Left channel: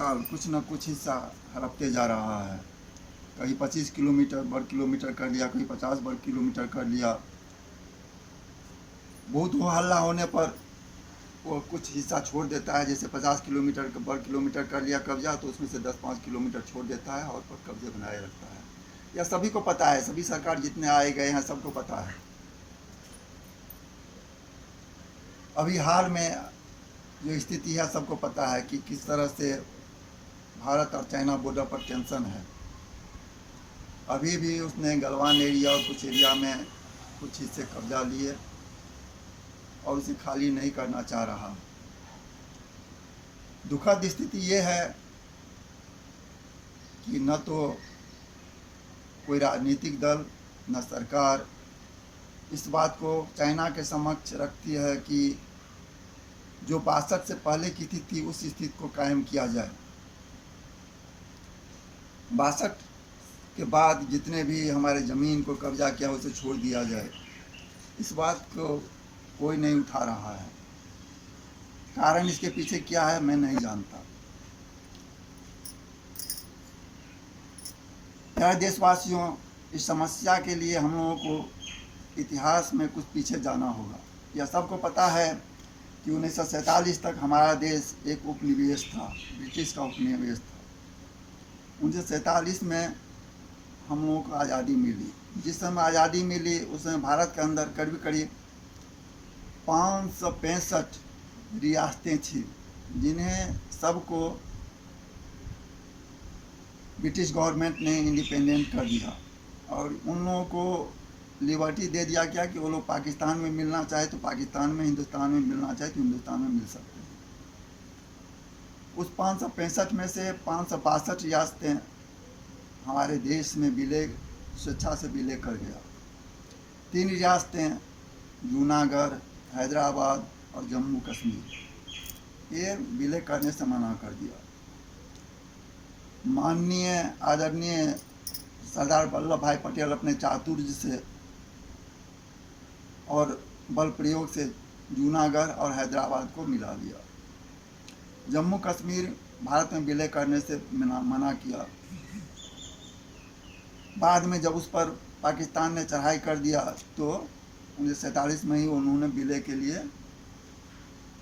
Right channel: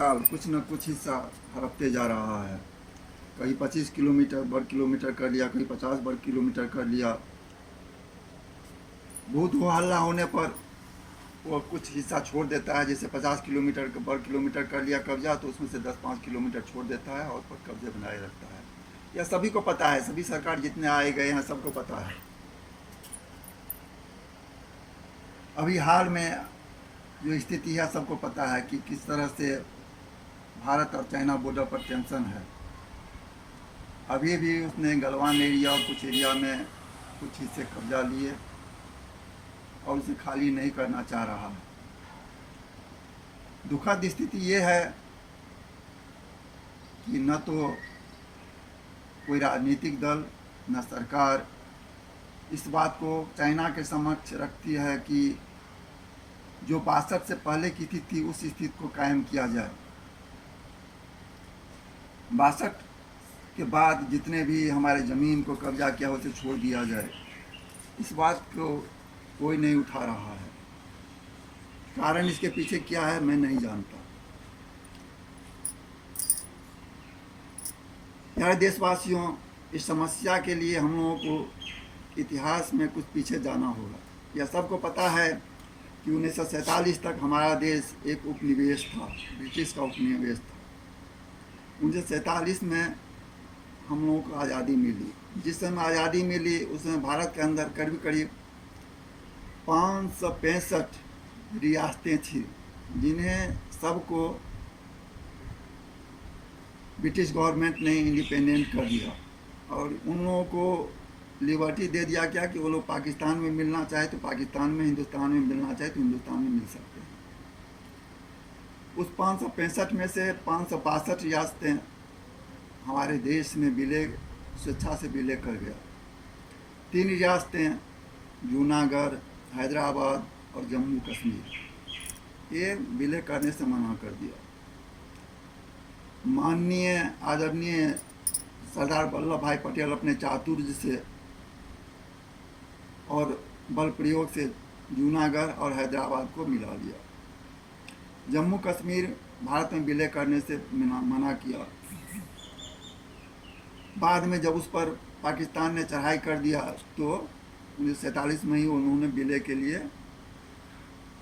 साल कुछ न कुछ हिस्सा हड़पते जा रहा है। कहीं 25 किलोमीटर वर्ग किलोमीटर कर लिया, कहीं 50 वर्ग किलोमीटर कर लिया। बहुत हो हल्ला होने पर वो कुछ हिस्सा छोड़ देता है। जैसे 50 किलोमीटर वर्ग किलोमीटर कर लिया कब्जा, तो उसमें से 10-5 किलोमीटर छोड़ देता है और पर कब्जे बनाए रखता है। यह सभी को पता है, सभी सरकार जितने आए गए हैं सबको पता है। अभी हाल में जो स्थिति है सबको पता है कि किस तरह से भारत और चाइना बॉर्डर पर टेंशन है। अभी भी उसने गलवान एरिया और कुछ एरिया में कुछ हिस्से कब्जा लिए और उसे खाली नहीं करना चाह रहा। दुखद स्थिति ये है कि न तो कोई राजनीतिक दल न सरकार इस बात को चाइना के समक्ष रखती है कि जो 62 से पहले की स्थिति थी उस स्थिति को कायम किया जाए। 62 के बाद जितने भी हमारे ज़मीन को कब्जा किया उसे छोड़ दिया जाए, इस बात को कोई नहीं उठा रहा है। कारण इसके पीछे क्या है मैं नहीं जानता। प्यारे देशवासियों, इस समस्या के लिए हम लोगों को इतिहास में कुछ पीछे जाना होगा। यह सबको पता है कि 1947 तक हमारा देश एक उपनिवेश था, ब्रिटिश का उपनिवेश था। 1947 में हम लोगों को आज़ादी मिली। जिस समय आज़ादी मिली उस समय भारत के अंदर करीब 565 रियासतें थी, जिन्हें सबको ब्रिटिश गवर्नमेंट ने इंडिपेंडेंट कर दिया और उन लोगों को लिबर्टी दे दिया क्या कि वो लोग पाकिस्तान में मिलना चाहे तो पाकिस्तान में, हिंदुस्तान में मिलना चाहे तो हिंदुस्तान में मिल सकते हैं। उस 565 में से 562 रियासतें हमारे देश में विलय स्वेच्छा से विलय कर गया। 3 रियासतें जूनागढ़, हैदराबाद और जम्मू कश्मीर, ये विलय करने से मना कर दिया। माननीय आदरणीय सरदार वल्लभ भाई पटेल अपने चातुर्य से और बल प्रयोग से जूनागढ़ और हैदराबाद को मिला दिया। जम्मू कश्मीर भारत में विलय करने से मना किया। बाद में जब उस पर पाकिस्तान ने चढ़ाई कर दिया तो 1947 में ही उन्होंने विलय के लिए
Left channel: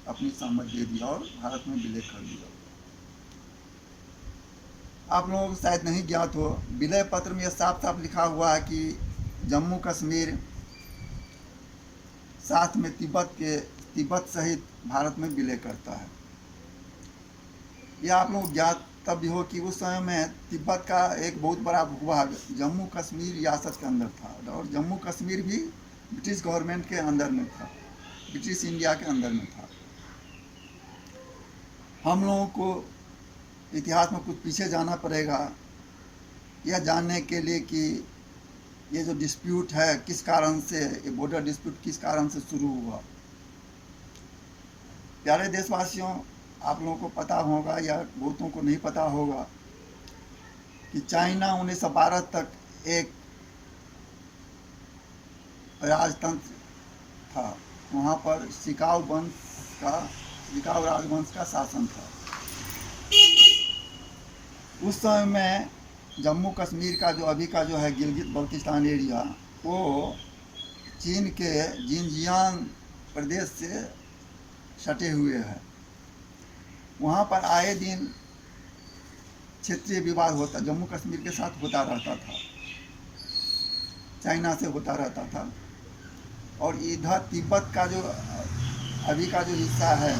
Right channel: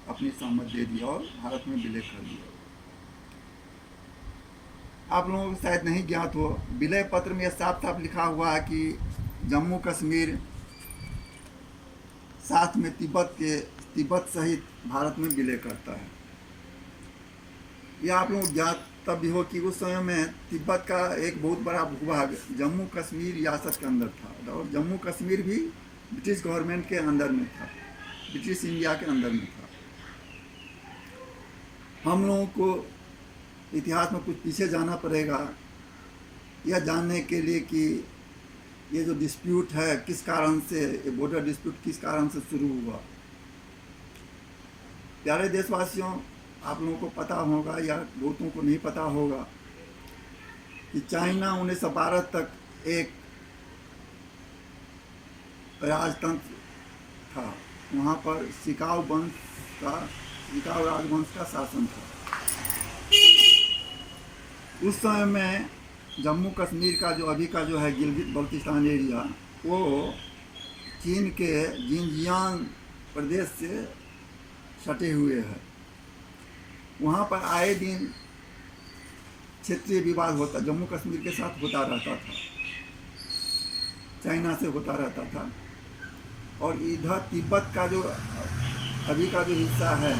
अपनी सहमति दे दिया और भारत में विलय कर दिया। आप लोगों को शायद नहीं ज्ञात हो, विलय पत्र में यह साफ साफ लिखा हुआ है कि जम्मू कश्मीर साथ में तिब्बत सहित भारत में विलय करता है। यह आप लोग ज्ञात तब भी हो कि उस समय में तिब्बत का एक बहुत बड़ा भूभाग जम्मू कश्मीर रियासत के अंदर था और जम्मू कश्मीर भी ब्रिटिश गवर्नमेंट के अंदर में था, ब्रिटिश इंडिया के अंदर में था। हम लोगों को इतिहास में कुछ पीछे जाना पड़ेगा यह जानने के लिए कि ये जो डिस्प्यूट है किस कारण से, ये बॉर्डर डिस्प्यूट किस कारण से शुरू हुआ। प्यारे देशवासियों, आप लोगों को पता होगा या बहुतों को नहीं पता होगा कि चाइना 1912 तक एक राजतंत्र था। वहाँ पर शिकाओ राजवंश का शासन था। उस समय में जम्मू कश्मीर का जो अभी का जो है गिलगित बल्तिस्तान एरिया, वो चीन के जिनजियांग प्रदेश से सटे हुए है। वहाँ पर आए दिन क्षेत्रीय विवाद होता, जम्मू कश्मीर के साथ होता रहता था, चाइना से होता रहता था। और इधर तिब्बत का जो अभी का जो हिस्सा है,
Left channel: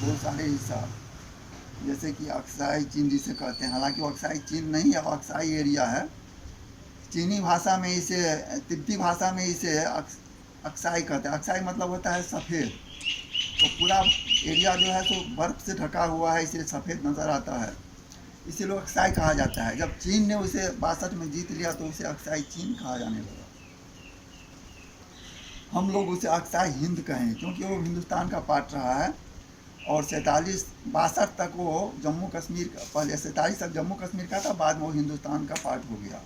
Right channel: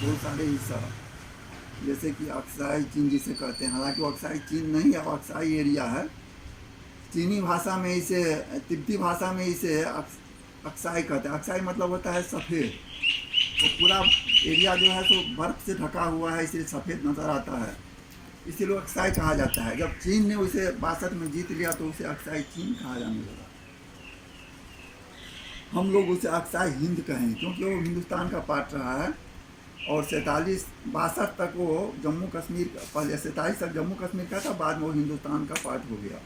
बहुत सारे हिस्सा जैसे कि अक्साई चीन जिसे कहते हैं, हालांकि वो अक्साई चीन नहीं है, वो अक्साई एरिया है। चीनी भाषा में इसे, तिब्बती भाषा में इसे अक्साई कहते हैं। अक्साई मतलब होता है सफ़ेद। तो पूरा एरिया जो है तो बर्फ़ से ढका हुआ है, इसलिए सफ़ेद नज़र आता है, इसीलिए अक्साई कहा जाता है। जब चीन ने उसे 62 में जीत लिया तो उसे अक्साई चीन कहा जाने लगा। हम लोग उसे अक्साई हिंद कहें क्योंकि वो हिंदुस्तान का पार्ट रहा है। और 62 तक वो जम्मू कश्मीर, पहले 47 तक जम्मू कश्मीर का था, बाद में वो हिंदुस्तान का पार्ट हो गया,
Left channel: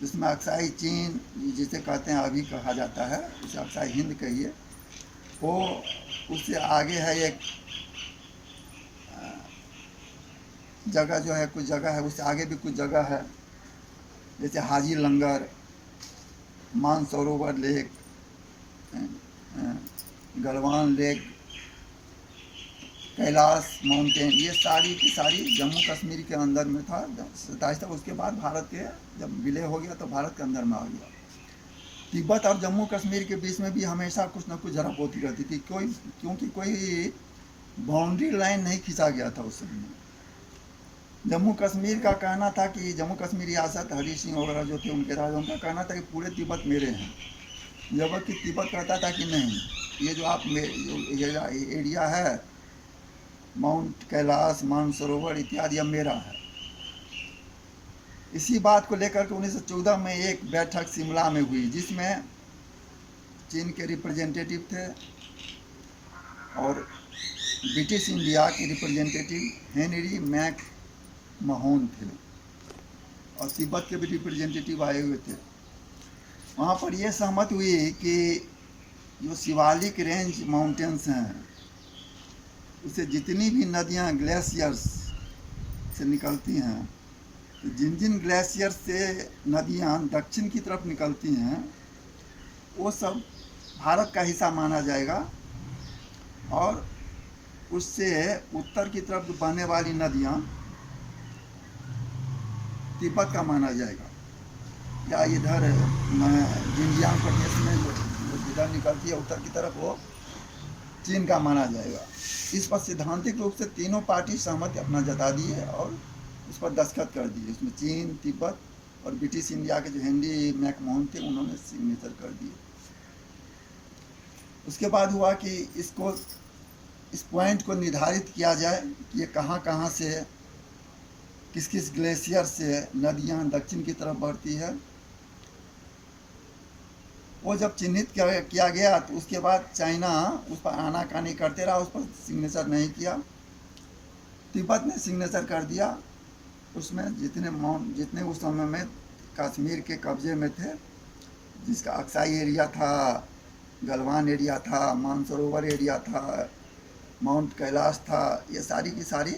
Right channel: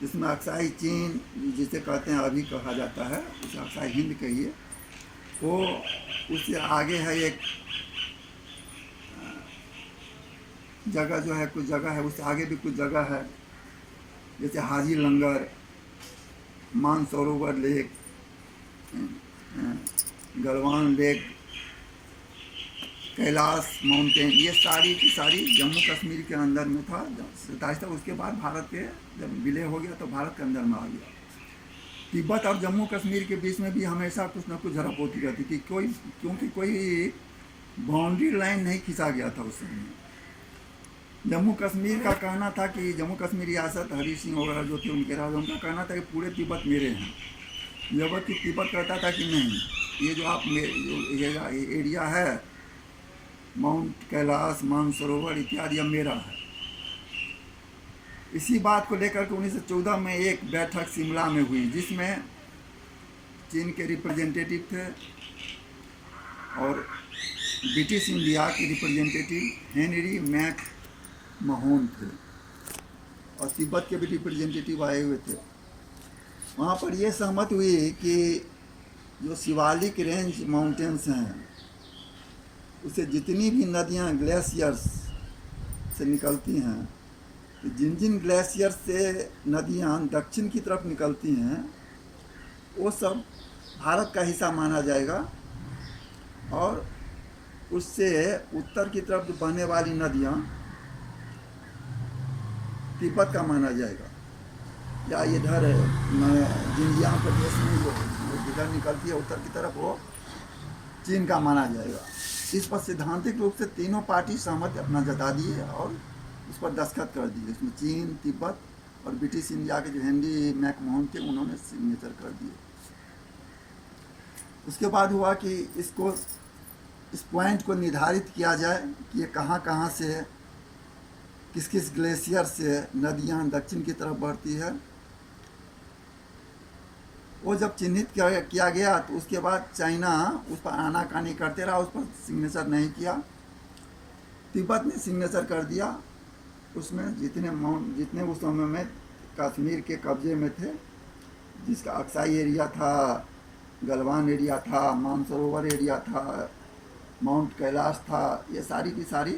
जिसमें अक्साई चीन जिसे कहते हैं अभी कहा जाता है, उसे अक्साई हिंद कहिए। वो उससे आगे है एक जगह जो है, कुछ जगह है, उससे आगे भी कुछ जगह है, जैसे Haji Langar, Mansarovar lake, Galwan lake, Kailash mountain, ये सारी की सारी जम्मू कश्मीर के अंदर में था। 27 था। उसके बाद भारत के जब विलय हो गया तो भारत के अंदर में आ गया। तिब्बत और जम्मू कश्मीर के बीच में भी हमेशा कुछ न कुछ झड़प होती रहती थी, क्योंकि कोई बाउंड्री लाइन नहीं खींचा गया था उस समय। जम्मू कश्मीर का कहना था कि जम्मू कश्मीर रियासत, हरी सिंह वगैरह जो थे उनके राजा, उनका कहना था कि पूरे तिब्बत मेरे हैं, जबकि तिब्बत कहता था कि नहीं, ये जो आप ये एरिया है, माउंट कैलाश, मानसरोवर इत्यादि, अब मेरा है। इसी बात को लेकर के 1914 में एक बैठक शिमला में हुई, जिसमें चीन के रिप्रेजेंटेटिव थे और ब्रिटिश इंडिया के रिप्रेजेंटेटिव हेनरी मैक महोन थे, और तिब्बत के भी रिप्रेजेंटेटिव आए हुए थे। वहाँ पर यह सहमत हुई कि जो शिवालिक रेंज माउंटेन्स हैं, उससे जितनी भी नदियाँ ग्लेशियर्स से निकलती हैं, तो जिन जिन ग्लेशियर से नदियाँ दक्षिण की तरफ निकलती हैं, वो सब भारत का हिस्सा माना जाएगा, और उससे उत्तर की तरफ जो बहने वाली नदियाँ तिब्बत का माना जाएगा, या इधर जिंजियांग प्रदेश में जो इधर निकलती है उत्तर की तरफ, वो चीन का माना जाएगा। इस पर सैद्धांतिक रूप से तीनों पार्टी सहमति अपना जता दिए और उस पर दस्तखत कर दिए। इसमें चीन, तिब्बत और ब्रिटिश इंडिया के जो हेनरी मैकमोहन थे, उन्होंने सिग्नेचर कर दिए। उसके बाद हुआ कि इस पॉइंट को निर्धारित किया जाए कि ये कहाँ कहाँ से, किस किस ग्लेशियर से नदियाँ दक्षिण की तरफ बढ़ती है। वो जब चिन्हित किया गया तो उसके बाद चाइना उस पर आनाकानी करते रहा, उस पर सिग्नेचर नहीं किया। तिब्बत ने सिग्नेचर कर दिया। उसमें जितने उस समय में कश्मीर के कब्जे में थे, जिसका अक्साई एरिया था, गलवान एरिया था, मानसरोवर एरिया था, माउंट कैलाश था, ये सारी की सारी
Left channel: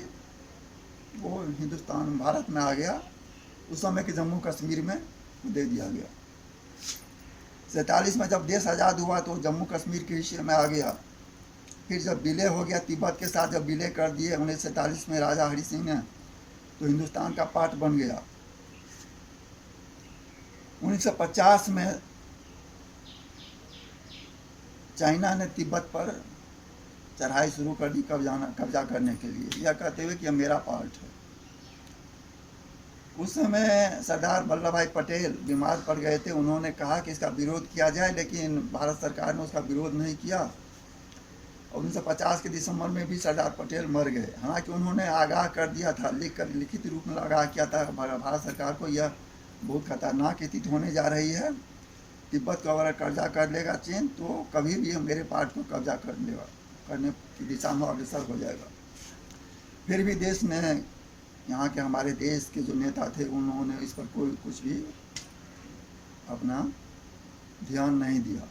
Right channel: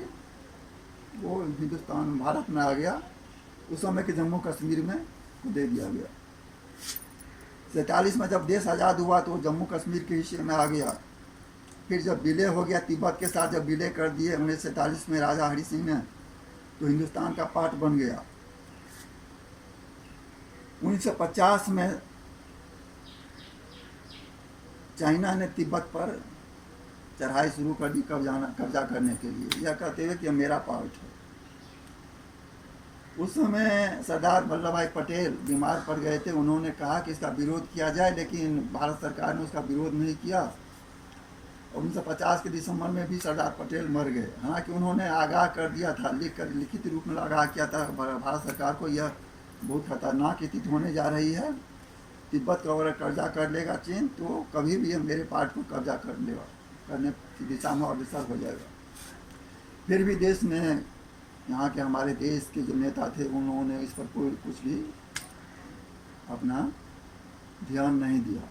वो हिंदुस्तान भारत में आ गया। उस समय के जम्मू कश्मीर में दे दिया गया। 47 में जब देश आज़ाद हुआ तो जम्मू कश्मीर के हिस्से में आ गया। फिर जब विलय हो गया तिब्बत के साथ, जब विलय कर दिए 1947 में राजा हरि सिंह ने, तो हिंदुस्तान का पार्ट बन गया। 1950 में चाइना ने तिब्बत पर चढ़ाई शुरू कर दी कब्जा करने के लिए, यह कहते हुए कि मेरा पार्ट है। उस समय सरदार वल्लभ भाई पटेल बीमार पड़ गए थे। उन्होंने कहा कि इसका विरोध किया जाए, लेकिन भारत सरकार ने उसका विरोध नहीं किया। और 1950 के दिसंबर में भी सरदार पटेल मर गए। हालांकि उन्होंने आगाह कर दिया था, लिखित रूप में आगाह किया था भारत सरकार को, यह बहुत खतरनाक स्थिति होने जा रही है, तिब्बत का अगर कब्जा कर लेगा चीन तो कभी भी मेरे पार्ट को कब्जा करने की दिशा में अग्रसर हो जाएगा। फिर भी देश ने, यहाँ के हमारे देश के जो नेता थे, उन्होंने इस पर कोई कुछ भी अपना ध्यान नहीं दिया।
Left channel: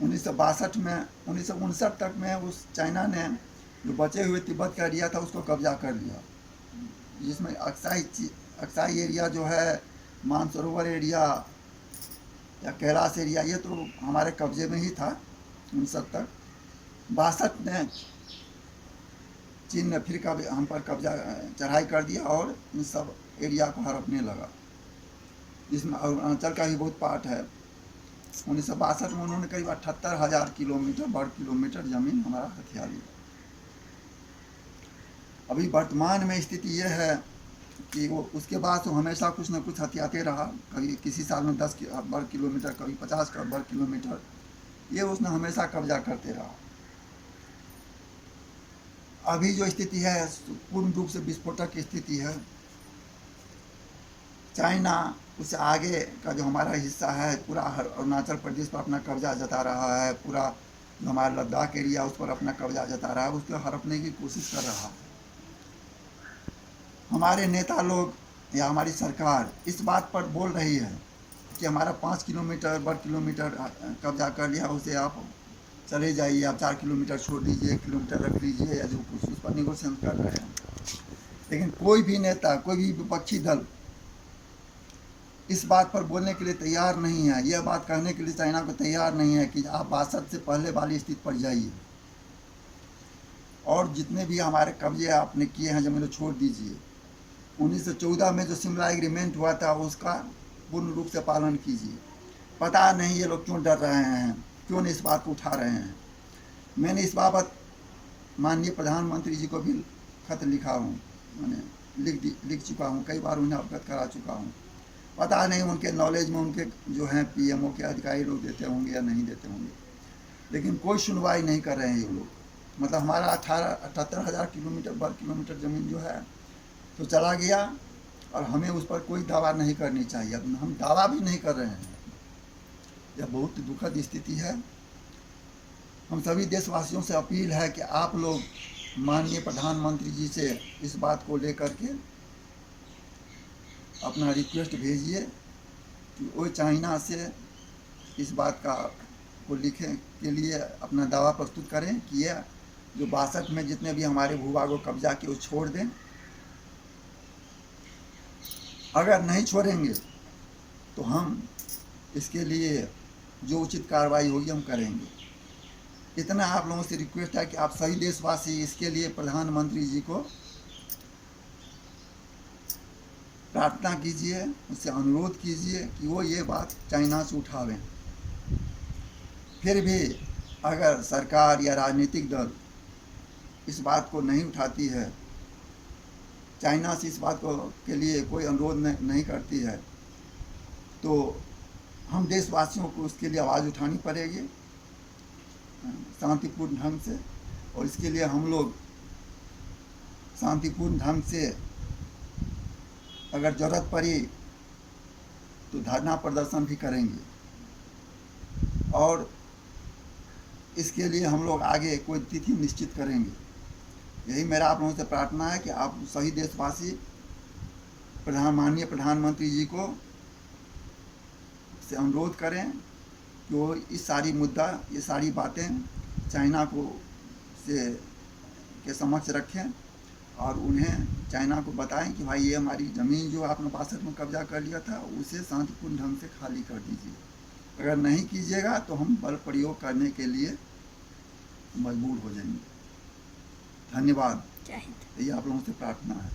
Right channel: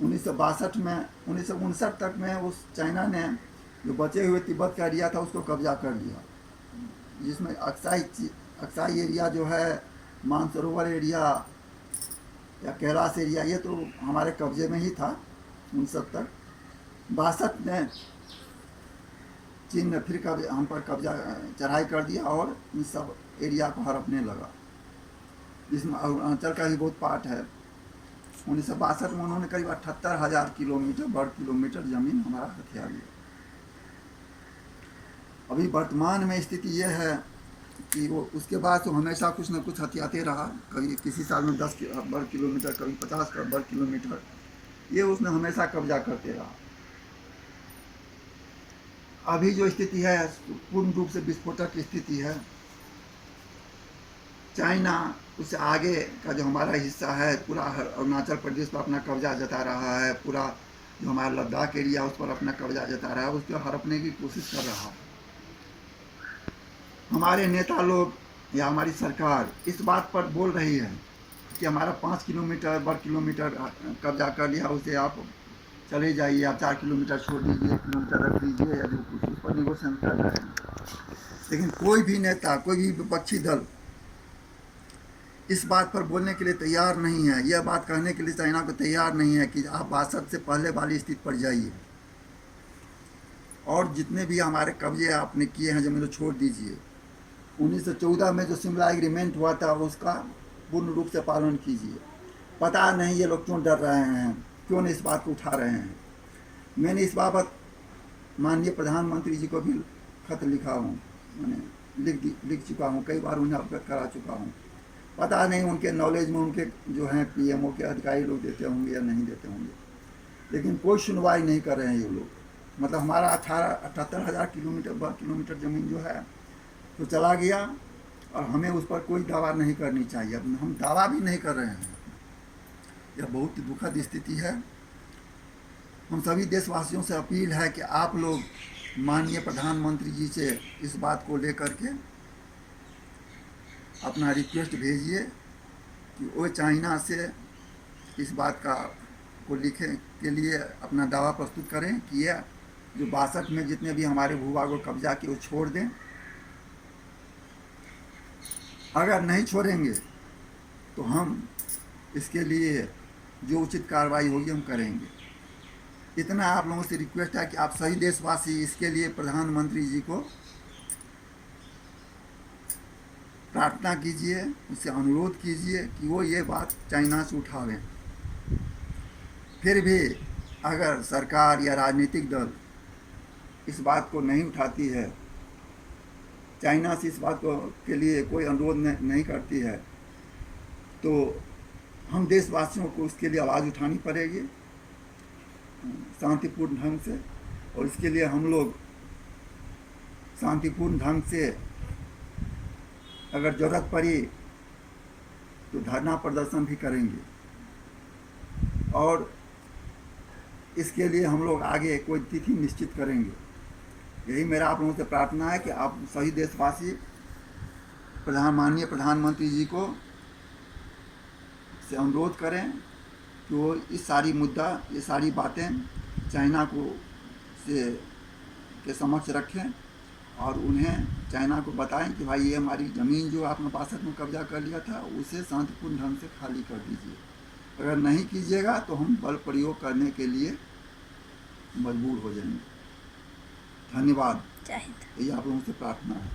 1959 तक में उस चाइना ने जो बचे हुए तिब्बत का एरिया था उसको कब्जा कर लिया, जिसमें अक्साई एरिया जो है, मानसरोवर एरिया या कैलाश एरिया, ये तो हमारे कब्जे में ही था 19 तक। 62 में चीन ने फिर हम पर कब्जा चढ़ाई कर दिया और इन सब एरिया को हड़पने लगा, जिसमें अरुणाचल का भी बहुत पार्ट है। 1962 में उन्होंने करीब 78,000 वर्ग किलोमीटर जमीन हमारा हथिया लिया। अभी वर्तमान में स्थिति यह है कि वो उसके बाद तो हमेशा कुछ न कुछ हथियाते रहा। कभी किसी साल में 10 वर्ग किलोमीटर, कभी 50 वर्ग किलोमीटर, ये उसने हमेशा कब्जा करते रहा। अभी जो स्थिति है पूर्ण रूप से विस्फोटक स्थिति है। चाइना उससे आगे का जो हमारा हिस्सा है, पूरा अरुणाचल प्रदेश पर अपना कब्जा जता रहा है, पूरा जो हमारा लद्दाख एरिया उस पर अपना कब्जा जता रहा है, उस पर हड़पने की कोशिश कर रहा है। हमारे नेता लोग या हमारी सरकार इस बात पर बोल रही है कि हमारा 5 किलोमीटर वर्ग किलोमीटर कब्जा कर लिया, उसे आप चले जाइए, आप 4 किलोमीटर छोड़ दीजिए, 1 किलोमीटर रख लीजिए, या जो कुछ उस पर निगोशिएशन कर रहे हैं। लेकिन कोई भी नेता, कोई भी विपक्षी दल इस बात पर बोलने के लिए तैयार नहीं है, यह बात कहने के लिए चाइना को तैयार नहीं है कि आप 62 से पहले वाली स्थिति पर जाइए और जितने भी हमारे कब्जे आपने किए हैं जमीन छोड़ दीजिए। 1914 में जो शिमला एग्रीमेंट हुआ था उसका पूर्ण रूप से पालन कीजिए। पता नहीं ये लोग क्यों डर रहे हैं, क्यों नहीं इस बात को उठा रहे हैं। मैंने इस बाबत माननीय प्रधानमंत्री जी को भी खत लिखा हूँ, मैंने लिख चुका हूँ, कई बार उन्हें अवगत करा चुका हूँ। पता नहीं उनके नॉलेज में उनके जो हैं पीएमओ के अधिकारी लोग देते होंगे या नहीं देते होंगे, लेकिन कोई सुनवाई नहीं कर रहे हैं ये लोग। मतलब हमारा 78,000 वर्ग किलोमीटर ज़मीन जो है तो चला गया और हमें उस पर कोई दावा नहीं करनी चाहिए। अब हम दावा भी नहीं कर रहे हैं। यह बहुत दुखद स्थिति है। हम सभी देशवासियों से अपील है कि आप लोग माननीय प्रधानमंत्री जी से इस बात को लेकर के अपना रिक्वेस्ट भेजिए कि वो चाइना से इस बात को लिखें के लिए अपना दावा प्रस्तुत करें कि यह जो 62 में जितने भी हमारे भूभागों को कब्जा किए वो छोड़ दें। अगर नहीं छोड़ेंगे तो हम इसके लिए जो उचित कार्रवाई होगी हम करेंगे। इतना आप लोगों से रिक्वेस्ट है कि आप सभी देशवासी इसके लिए प्रधानमंत्री जी को प्रार्थना कीजिए, उससे अनुरोध कीजिए कि वो ये बात चाइना से उठावें। फिर भी अगर सरकार या राजनीतिक दल इस बात को नहीं उठाती है, चाइना से इस बात को के लिए कोई अनुरोध नहीं करती है, तो हम देशवासियों को उसके लिए आवाज़ उठानी पड़ेगी शांतिपूर्ण ढंग से। और इसके लिए हम लोग शांतिपूर्ण ढंग से अगर ज़रूरत पड़ी तो धरना प्रदर्शन भी करेंगे। और इसके लिए हम लोग आगे कोई तिथि निश्चित करेंगे। यही मेरा आप लोगों से प्रार्थना है कि आप सभी देशवासी माननीय प्रधानमंत्री जी को से अनुरोध करें कि वो इस सारी मुद्दा, ये सारी बातें चाइना को के समक्ष रखें और उन्हें चाइना को बताएं कि भाई ये हमारी ज़मीन जो आपने 62 में कब्जा कर लिया था उसे शांतिपूर्ण ढंग से खाली कर दीजिए। अगर नहीं कीजिएगा तो हम बल प्रयोग करने के लिए मजबूर हो जाएंगे। धन्यवाद। यही आप लोगों से प्रार्थना है।